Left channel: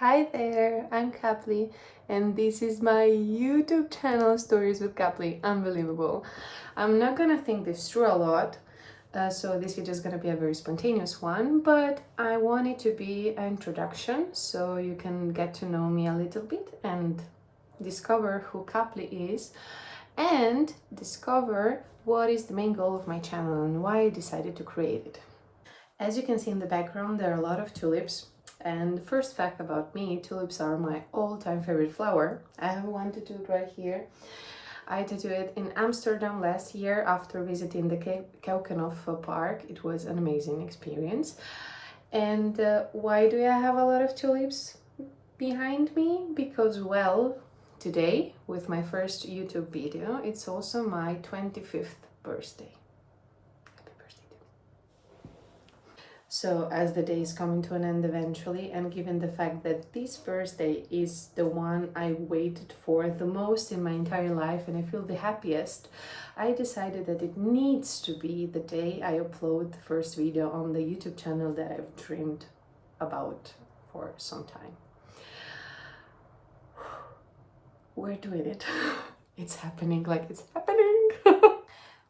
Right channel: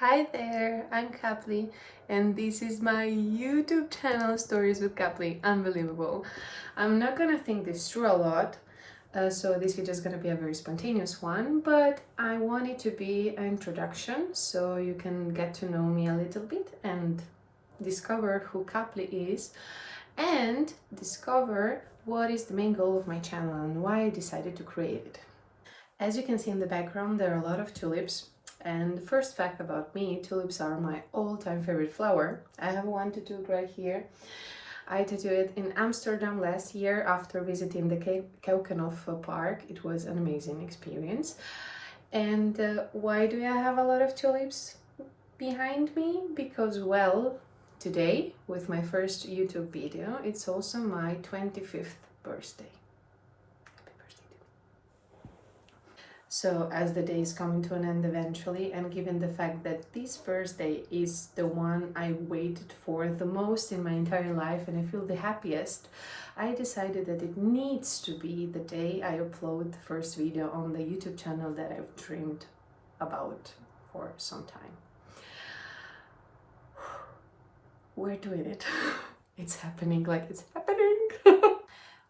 Hi there, I'm Kapli, and this is my YouTube channel, Stories with Kapli. Unbelievable. I'm not gonna think this through a lot, so this is just gonna be a very spontaneous one, but I want it to be an introduction so you can get to know me a little bit and discover who Kapli is and discover what is the main goal of my channel and why I decided to create it. As you can see in the background, there are a lot of tulips. And the first fact about me, tulips are my all-time favorite flower. I have one tattooed right here. I tattooed it in Amsterdam last year after visiting the Keukenhof Park. It was an amazing experience. And why do I have a lot of tulips behind me? Because, well, today, with my first YouTube video, it's also my 25th birthday. So, as the day is coming to an end eventually, and given the fact that this birthday is the one I waited for the most in my entire life and I feel the happiest, I decided that it needs to be the day I upload the first video on the YouTube channel that I've dreamed about for some time. We're doing it. It's happening, like it's happening.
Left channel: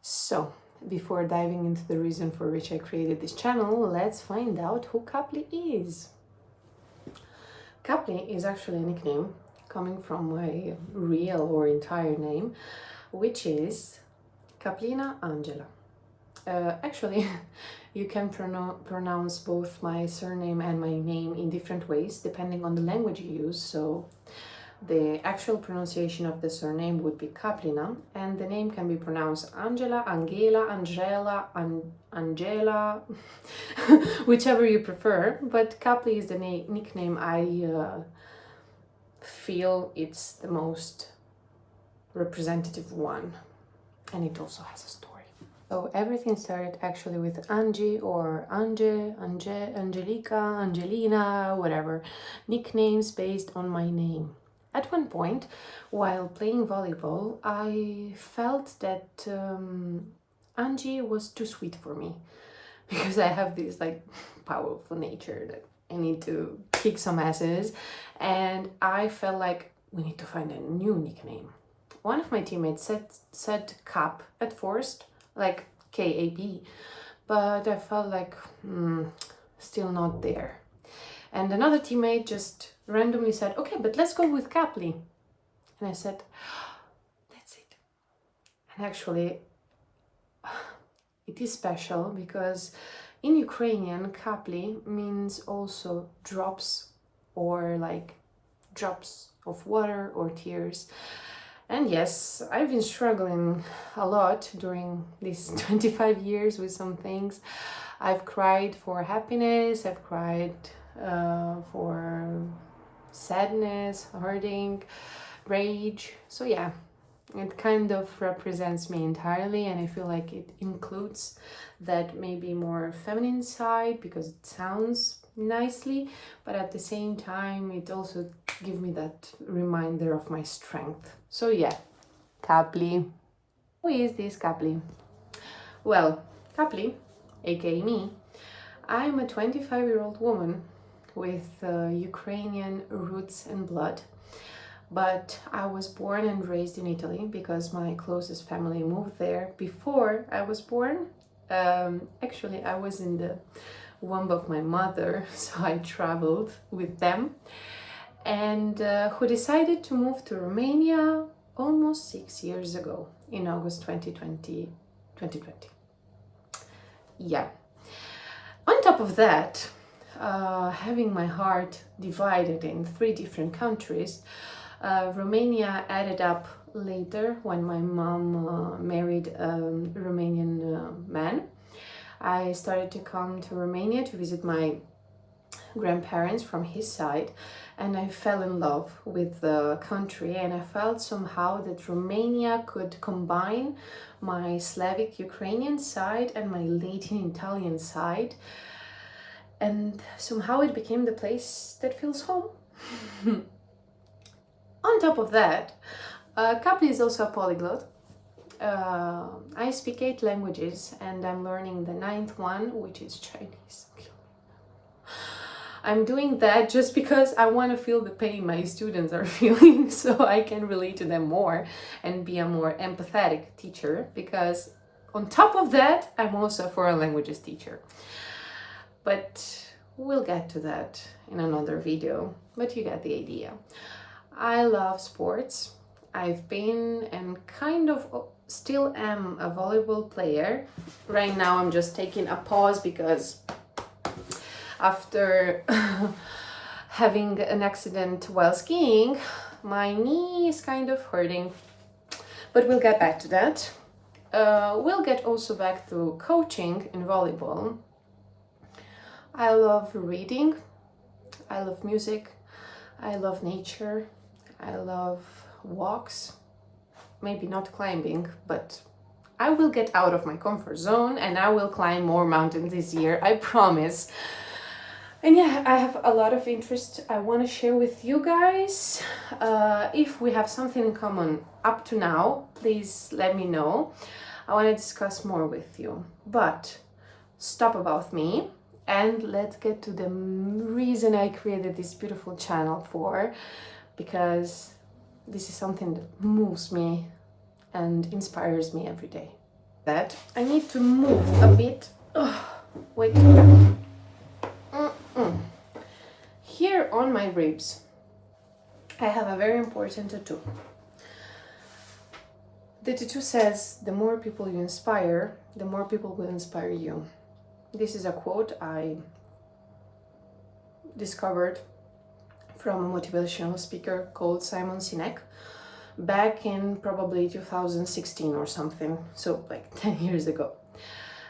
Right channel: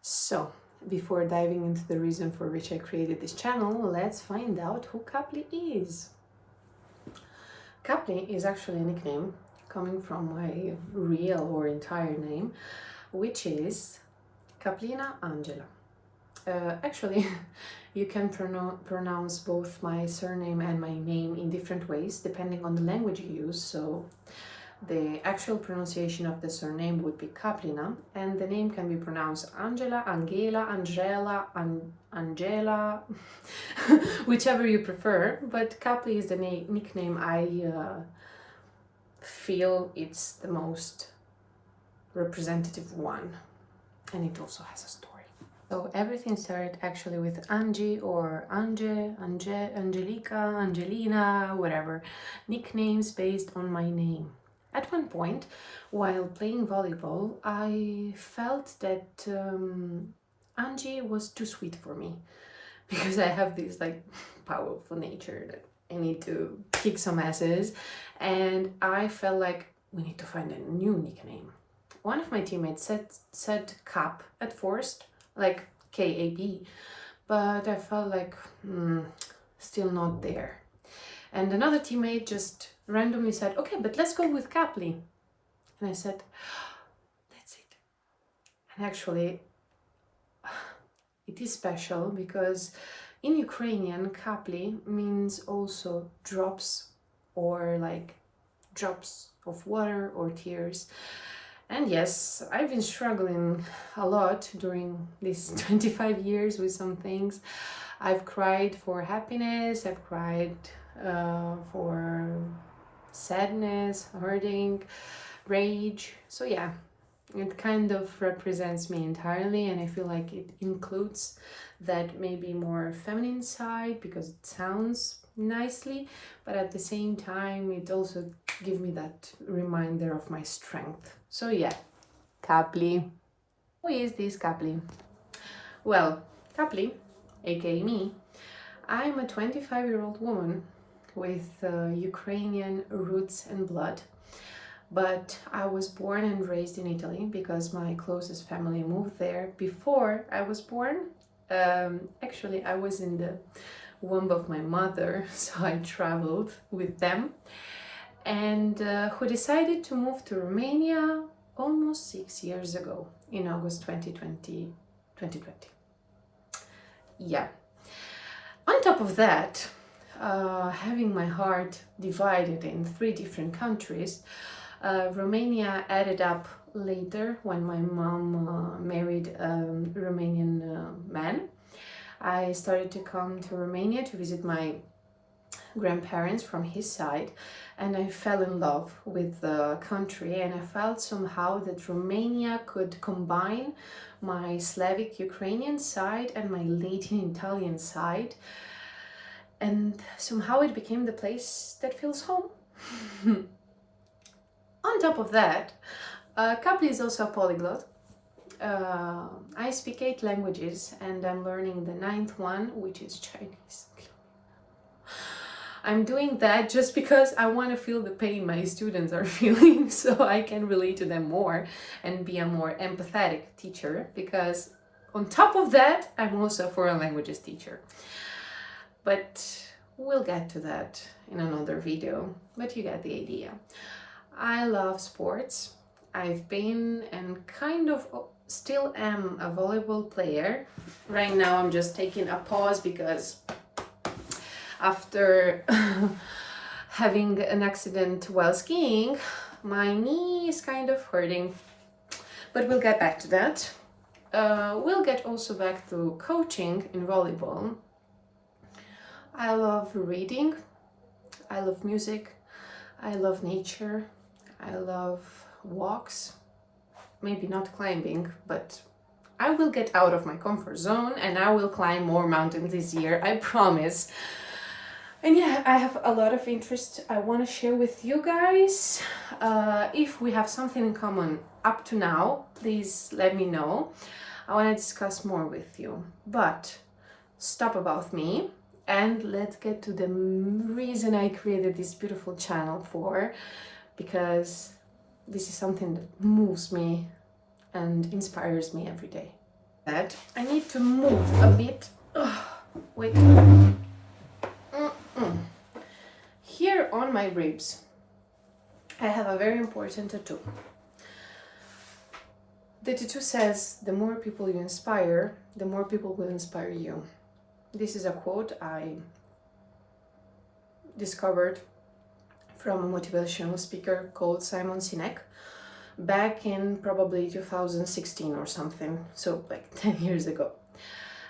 So, before diving into the reason for which I created this channel, let's find out who Kapli is. Kapli is actually a nickname coming from my real or entire name, which is Kaplina Angela. Actually, you can pronounce both my surname and my name in different ways depending on the language you use. So the actual pronunciation of the surname would be Kaplina, and the name can be pronounced Angela, Angela, Angela, Angela, whichever you prefer. But Kapli is the nickname I feel it's the most representative one, and it also has a story. So everything started actually with Angie or Angelica, Angelina, whatever, nicknames based on my name. At one point, while playing volleyball, I felt that Angie was too sweet for me because I have this like powerful nature that I need to kick some asses, and I felt like we need to find a new nickname. One of my teammates said Cap at first, like K-A-P, but I felt like still not there. And another teammate just randomly said, okay, but let's go with Kapli. And I said, that's it. And actually, it is special because in Ukrainian, Kapli means also drops or like drops of water or tears. And yes, I've been struggling a lot during these 25 years with some things. I've cried for happiness, I've cried for sadness, hurting, rage. So yeah, it kind of represents me entirely, and I feel like it includes that maybe more feminine side because it sounds nicely, but at the same time it also gives me that reminder of my strength. So yeah, Kapli. Who is this Kapli? Well, Kapli, aka me, I'm a 25-year-old woman with Ukrainian roots and blood. But I was born and raised in Italy because my closest family moved there before I was born. Actually, I was in the womb of my mother, so I traveled with them. And who decided to move to Romania almost 6 years ago in August 2020. Yeah. On top of that, having my heart divided in 3 different countries, Romania added up later when my mom married a Romanian man. I started to come to Romania to visit my grandparents from his side, and I fell in love with the country, and I felt somehow that Romania could combine my Slavic Ukrainian side and my Latin Italian side, and somehow it became the place that feels home. On top of that, Kapli is also a polyglot. I speak 8 languages and I'm learning the 9th one, which is Chinese. I'm doing that just because I want to feel the pain my students are feeling so I can relate to them more and be a more empathetic teacher, because on top of that, I'm also a foreign languages teacher. But we'll get to that in another video, but you get the idea. I love sports. I've been and kind of still am a volleyball player. Right now I'm just taking a pause because after having an accident while skiing, my knee is kind of hurting. But we'll get back to that. We'll get also back to coaching in volleyball. I love reading. I love music. I love nature. I love walks. Maybe not climbing, but I will get out of my comfort zone and I will climb more mountains this year, I promise. And yeah, I have a lot of interest I want to share with you guys. If we have something in common up to now, please let me know. I want to discuss more with you. But stop about me and let's get to the reason I created this beautiful channel for, because this is something that moves me and inspires me every day. That I need to move a bit. Wait. Here on my ribs, I have a very important tattoo. The tattoo says, the more people you inspire, the more people will inspire you. This is a quote I discovered from a motivational speaker called Simon Sinek back in probably 2016 or something, so like 10 years ago.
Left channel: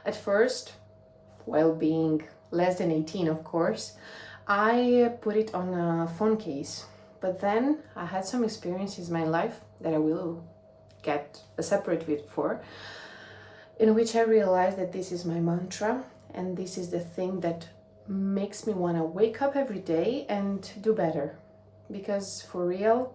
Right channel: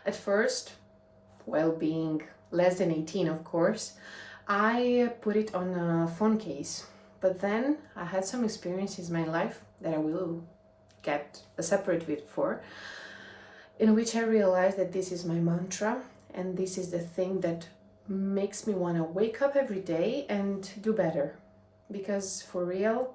At first, while being less than 18, of course, I put it on a phone case, but then I had some experiences in my life that I will get a separate video for, in which I realized that this is my mantra and this is the thing that makes me want to wake up every day and do better. Because for real,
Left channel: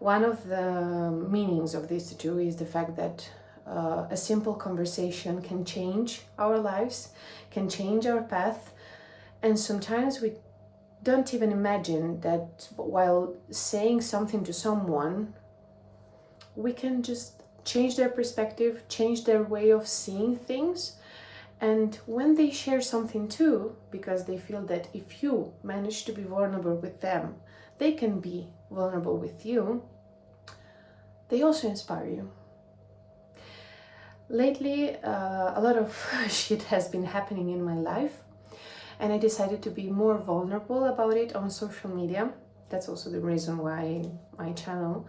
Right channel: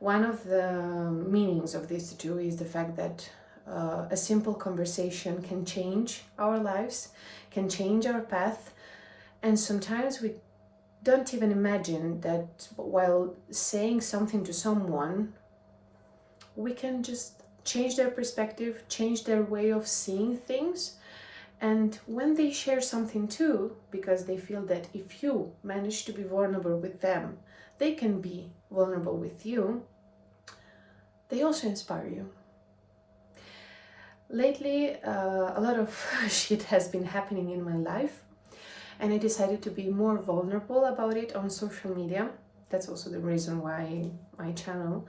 one of the meanings of this tattoo is the fact that a simple conversation can change our lives, can change our path, and sometimes we don't even imagine that while saying something to someone, we can just change their perspective, change their way of seeing things. And when they share something too, because they feel that if you manage to be vulnerable with them, they can be vulnerable with you, they also inspire you. Lately, a lot of shit has been happening in my life, and I decided to be more vulnerable about it on social media. That's also the reason why my channel.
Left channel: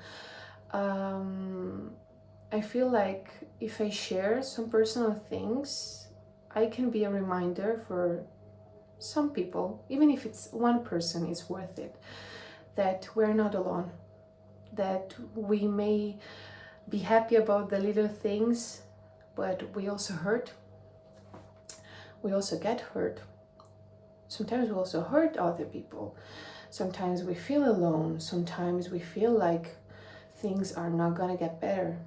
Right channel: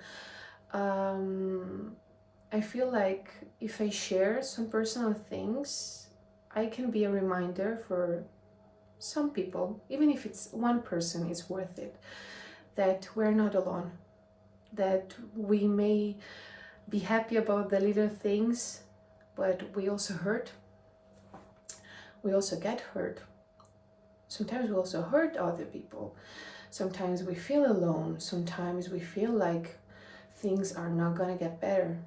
I feel like if I share some personal things, I can be a reminder for some people, even if it's one person, it's worth it, that we're not alone, that we may be happy about the little things, but we also hurt. We also get hurt. Sometimes we also hurt other people. Sometimes we feel alone. Sometimes we feel like things are not gonna get better.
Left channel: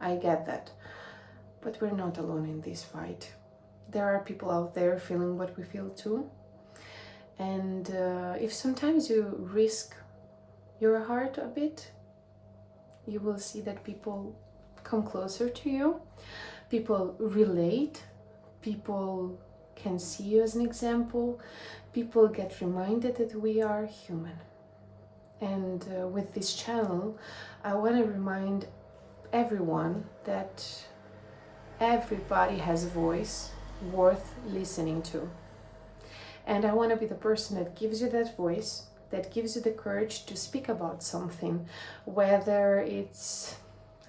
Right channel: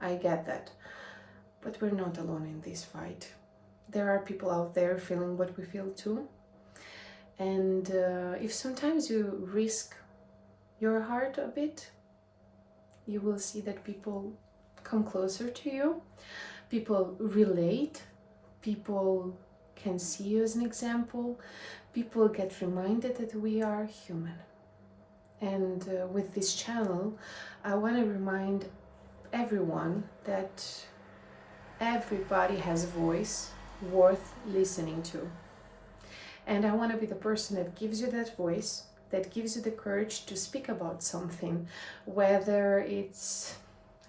I get that. But we're not alone in this fight. There are people out there feeling what we feel too. And if sometimes you risk your heart a bit, you will see that people come closer to you. People relate. People can see you as an example. People get reminded that we are human. And with this channel, I want to remind everyone that everybody has a voice worth listening to. And I want to be the person that gives you that voice, that gives you the courage to speak about something, whether it's,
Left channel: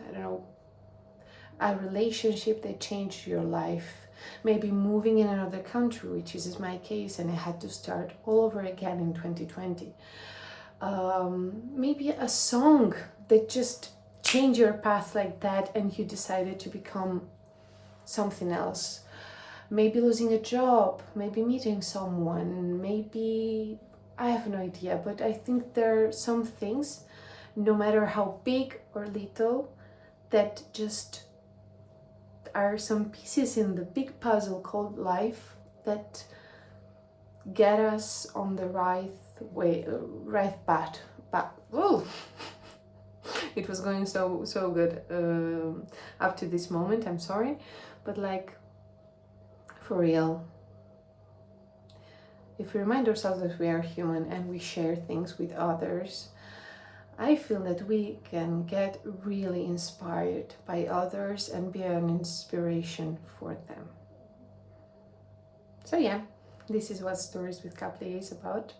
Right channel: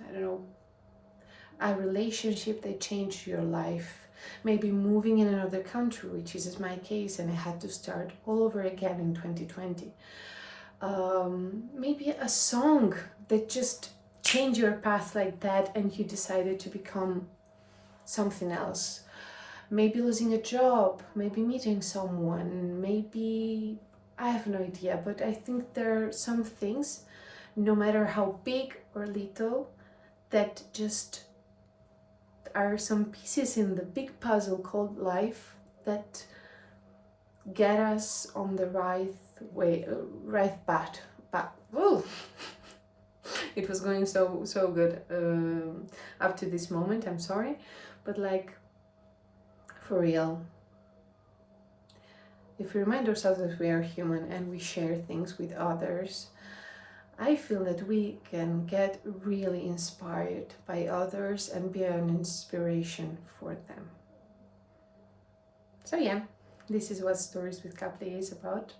I don't know, a relationship that changed your life, maybe moving in another country, which is my case, and I had to start all over again in 2020. Maybe a song that just changed your path like that and you decided to become something else. Maybe losing a job, maybe meeting someone, maybe, I have no idea, but I think there are some things, no matter how big or little, that just are some pieces in the big puzzle called life that get us on the right way, right path. But oh, it was going so good up to this moment. I'm sorry, but like, for real, if we remind ourselves that we are human and we share things with others, I feel that we can get really inspired by others and be an inspiration for them. So yeah, this is what Stories with Kapli is about.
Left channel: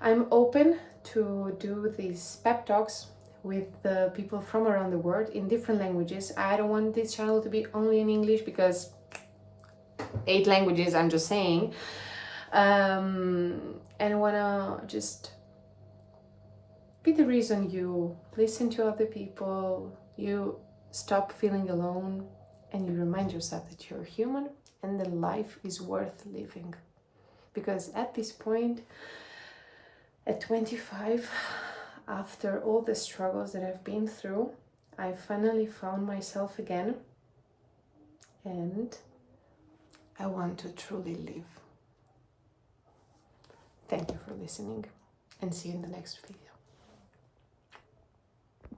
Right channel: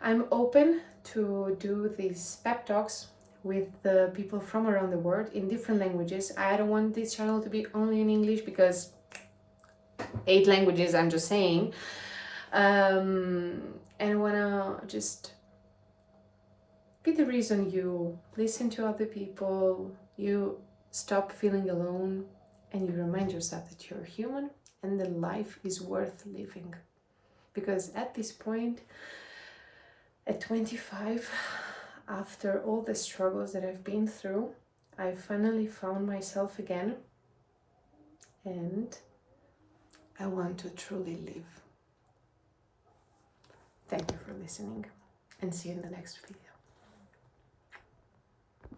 I'm open to do these pep talks with the people from around the world in different languages. I don't want this channel to be only in English because 8 languages, I'm just saying. And I wanna just be the reason you listen to other people, you stop feeling alone, and you remind yourself that you're human and that life is worth living. Because at this point, at 25, after all the struggles that I've been through, I finally found myself again, and I want to truly live. Thank you for listening, and see you in the next video.